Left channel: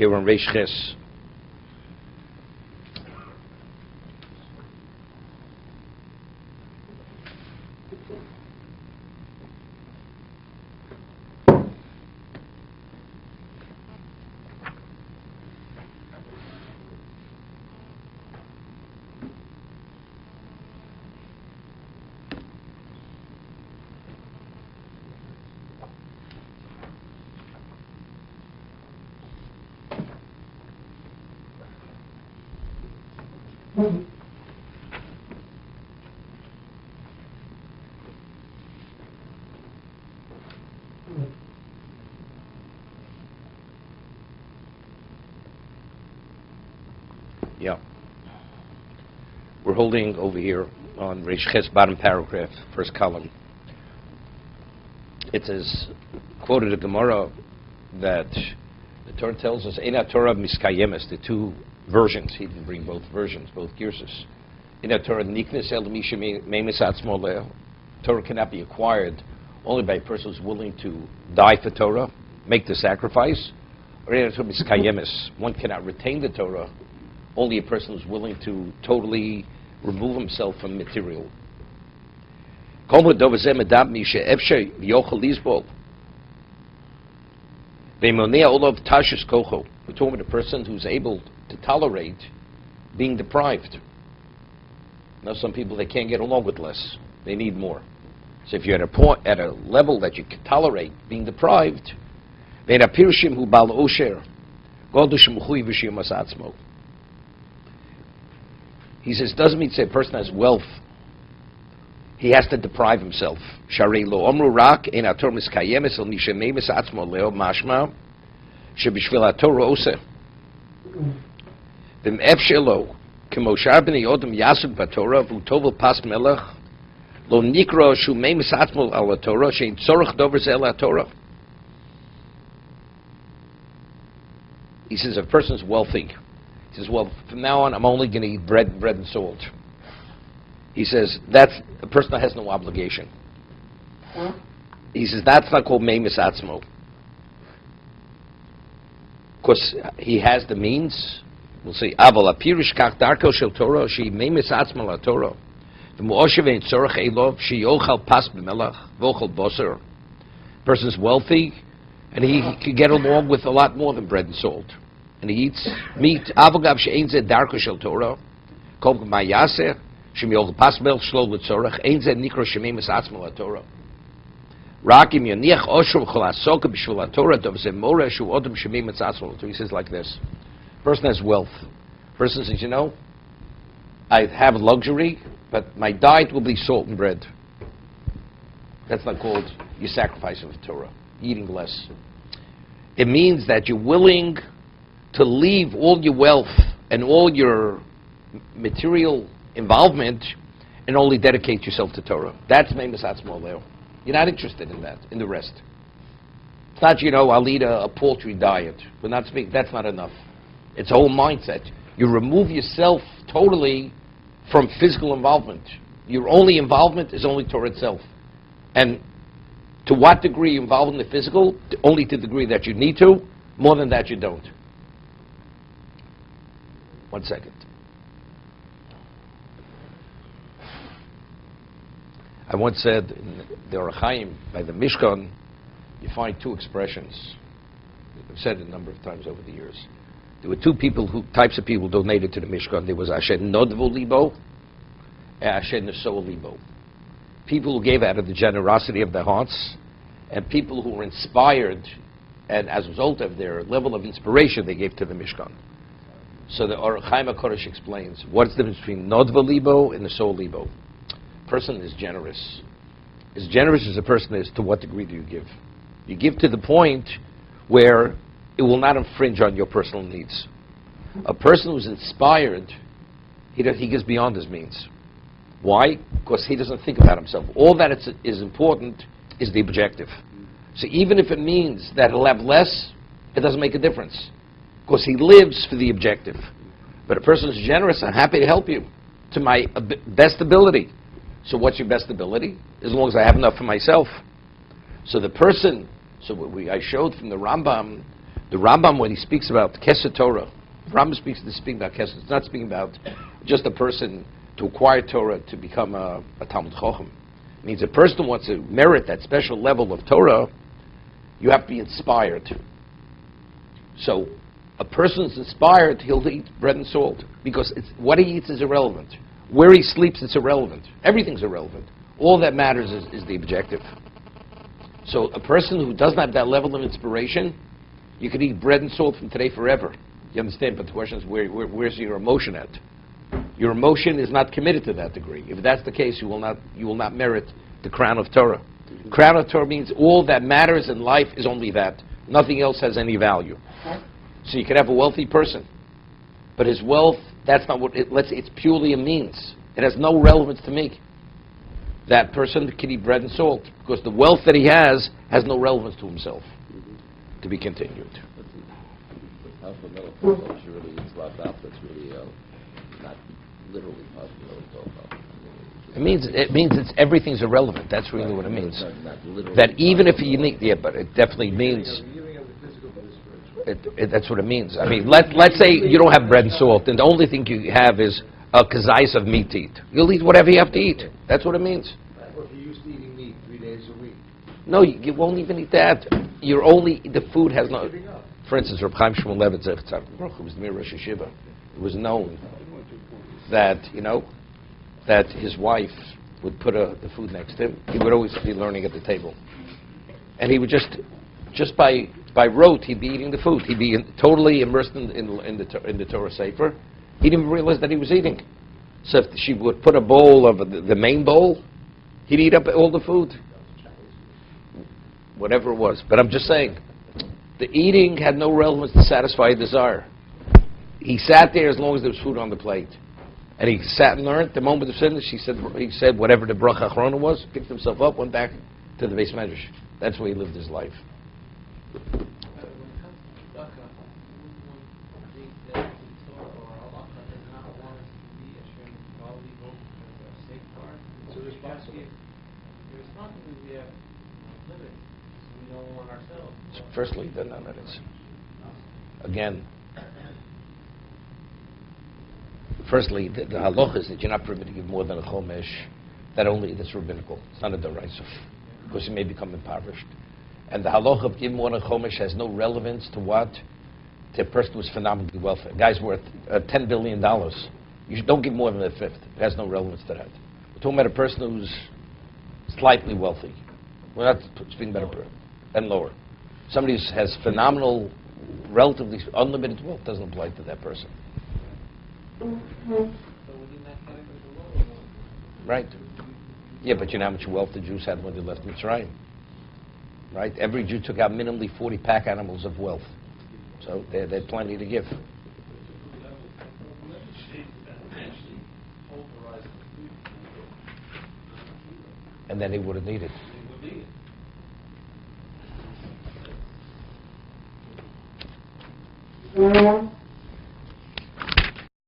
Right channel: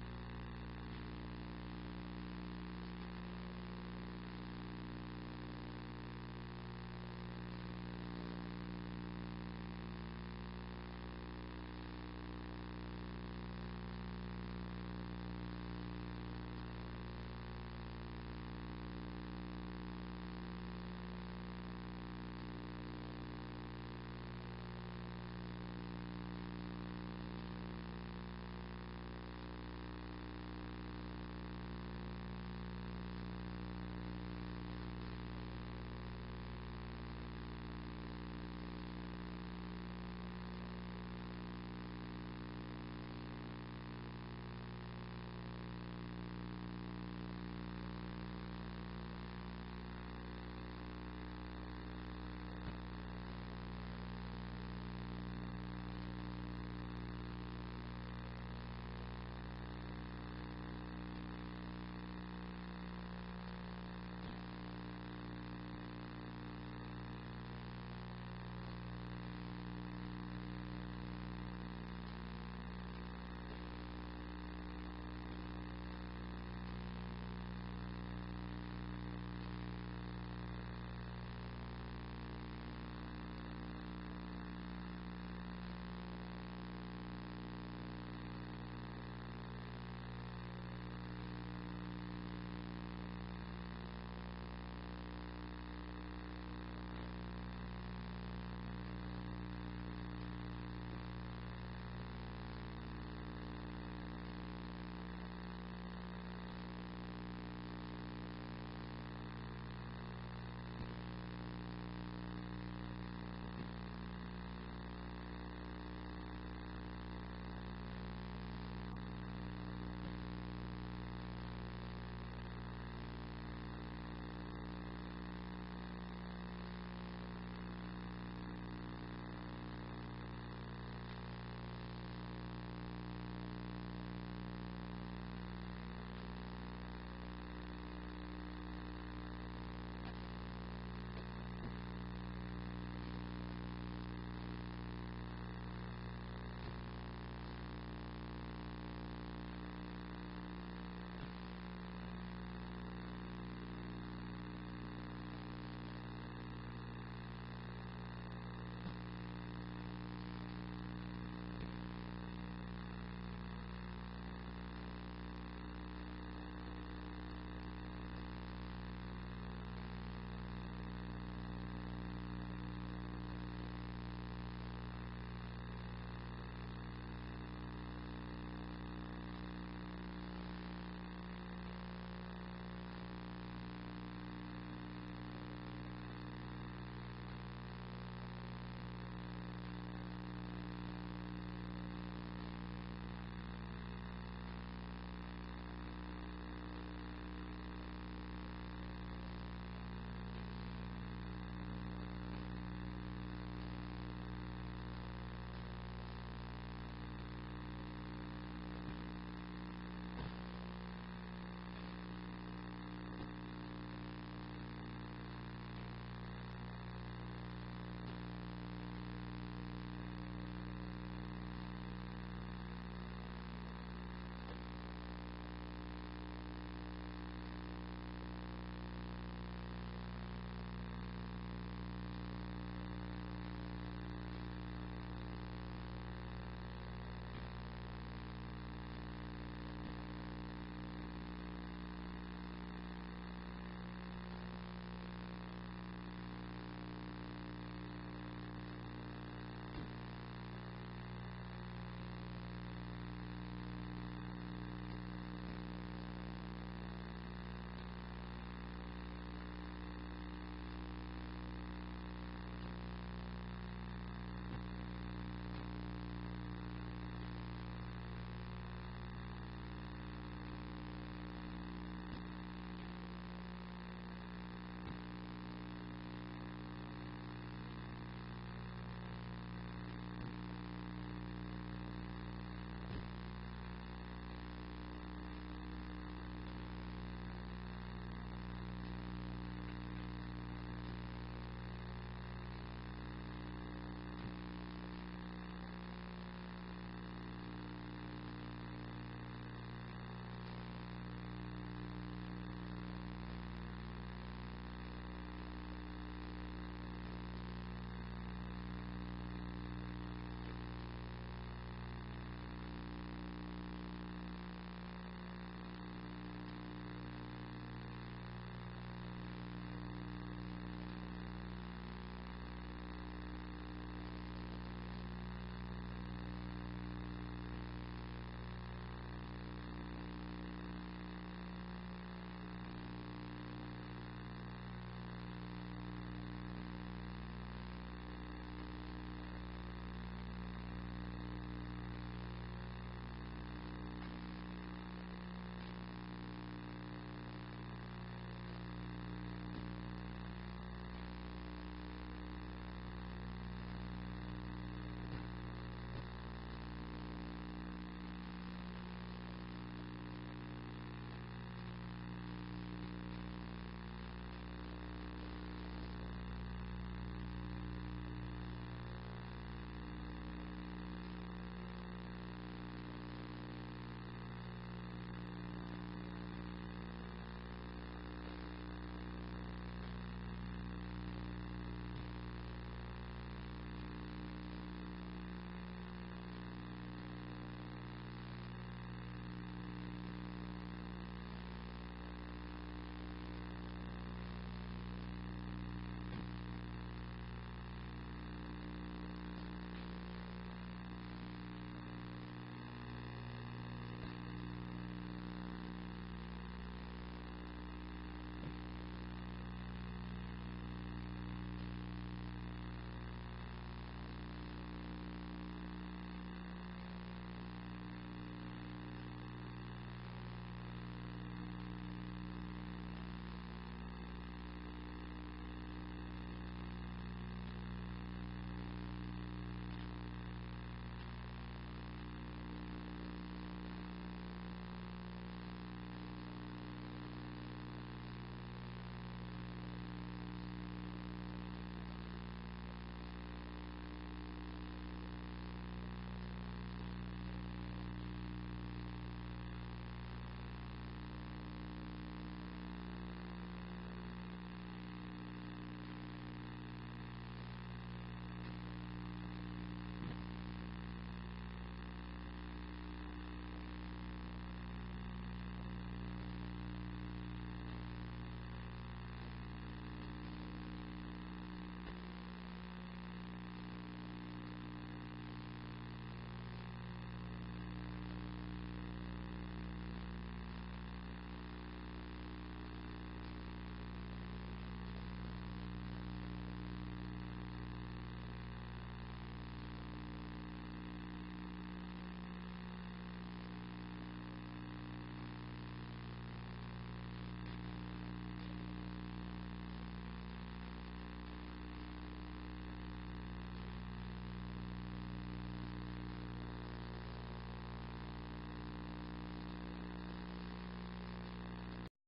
Okay, we're on Reish Ches. Yeah. We're holding over here on Reish Ches, bottom paragraph, first column. It says, quoted a Gemara, that the Torah tells us, Eina Torah miskayemes, the two versions. He didn't bring both versions, both girsus. Eina Torah niknes el misha meimis atzmo leo. Torah cannot be acquired only by a person who's willing to die for Torah, make the sacrifice. Or Eina Torah miskayemes, one cannot retain the Torah, only a person who's willing to totally remove himself from material. We're talking about a person who's able to tolerate being deprived. Now, some people, they can't get along with less. They need more. So if you're at a point, at a level that you can tolerate being deprived, he says, doesn't mean to say a person has wealth, he has to deprive himself. Sharei lo omru rak ein haTorah miskayemes el misha meimis atzmo leo mashma shebishvil haTorah oseh v'm'ef shelo k'mo shar b'nei odom yasuk b'Torah v'utovel pas melech lo nikro shu meimis atzmo al haTorah shein tzorach dover zeh el haTorah. He says, if a person's wealthy, he says, well, from now on, I'm only going to eat bread and salt. He says, that's a person that has no obligation. He says, that's not called meimis atzmo. Because he has the means. We'll see. Aval apirish kach darko shel Torah, she meimis atzmo la Torah. V'mu'oshev ein tzorach elov, she yochal pas b'melach, v'ochal boser. Person's wealthy, and he can get along with a lot more than bread and salt. And he eats meat. Avogav she'ein zeh darko shel Torah, kol ma'yaseh, shemi yochal pas b'melach shlo l'tzorach, ein zeh nikro shemeimis atzmo la Torah. Rak im yoniach osher v'chol hasoka b'shvil haTorah, dov zeh moreh shu odom shemeimis atzmo la Torah. He says like this. Person has wealth. Person says, you know, I have luxury, but my diet will be salt and bread. That's not called your sacrifice of Torah, eating less. It means that you're willing to leave all your wealth and all your material involvement and only dedicate yourself to Torah. That's meimis atzmo leo. You're not interested in that, in the rest. It's not, you know, I'll eat a paltry diet. But that's not enough. It's a whole mindset. You remove yourself totally from physical involvement. Your only involvement is only Torah itself. And to what degree you're involved in the physical? Only to the degree that you need to. More than that, you don't. 1 second. I once said in the Orach Chaim, by the Mishkan, you find two expressions. I've said it a number of times over the years. There were two types of people donated to the Mishkan. There was Asher Nodvo Libo and Asher Neso Libo. People who gave out of the generosity of their hearts, and people who were inspired, and as a result of their level of inspiration, they gave to the Mishkan. So the Orach Chaim HaKodesh explains what's the difference between Nodva Libo and Neso Libo. A person is generous. As generous as a person is, to what degree do you give? You give to the point where it will not infringe on your personal needs. A person who's inspired, he gives beyond his means. Why? Because he doesn't think about himself. All that is important is the objective. So even if it means that he'll have less, it doesn't make a difference. Because he lives for the objective. But a person who's generous, I'm happy to help you to my best ability. So what's your best ability? As long as I have enough for myself. So the person, I showed from the Rambam, The Rambam, when he speaks about Kesed Torah, Rambam speaks about Kesed. It's not speaking about just a person to acquire Torah to become a Talmud Chacham. It means a person who wants to merit that special level of Torah, you have to be inspired. So a person is inspired, he'll eat bread and salt, because what he eats is irrelevant. Where he sleeps, it's irrelevant. Everything's irrelevant. All that matters is the objective. So a person who doesn't have that level of inspiration, you could eat bread and salt from today forever. You understand? But the question is, where's your emotion at? Your emotion is not committed to that degree. If that's the case, you will not merit the crown of Torah. Crown of Torah means all that matters in life is only that. Nothing else has any value. So you can have a wealthy person, but his wealth, that's not what it's purely a means. It has no relevance to me. That person can eat bread and salt because the wealth that he has no relevance to himself. To be continued. It means it's everything's irrelevant. That's really what it means. That even if you need, yeah, but it definitely means. That's what it means. I mean, let's say you don't have bread and salt, and the only thing you have is a kazais of meat to eat. You'll eat whatever you have to eat. That's what it means. If you're used to eating meat 3 days a week. No, you won't even eat that. The food has no. For instance, Reb Chaim Shmuel Levitt, who was the Mir Rosh Yeshiva, it was known that that his wife would put the food next to him. He would always be learning at the table, and he would just by rote, he'd be eating the food. He'd be totally immersed in the Torah Sefer. He didn't even realize that he was eating. So if she would put a bowl of the main bowl, he'd eat up all the food, whatever it was. But I'm just saying, the eating had no relevance to satisfy a desire. He sat there as long as there was food on the plate. And he sat and learned. The moment of finish, he said whatever the bracha achrona was, picked himself up, went back to the Beis Medrash. That's where he lived his life. Firstly, then that is. Again, firstly, the halacha is that you're not permitted to give more than a chomesh. That's rabbinical. It's not a deraisa, because you may become impoverished. And the halacha of giving more than a chomesh has no relevance to what? To a person who's phenomenally wealthy. A guy's worth $10 billion. Don't give more than a fifth. It has no relevance to that. We're talking about a person who's slightly wealthy. We're not speaking about and lower. Somebody who has phenomenal, relatively unlimited wealth doesn't apply to that person. Right. Yeah, but you know how much wealth the Jews had when they left Mitzrayim? Right? Every Jew took out minimally 40 pack animals of wealth. So they had plenty to give. And then they would have needed.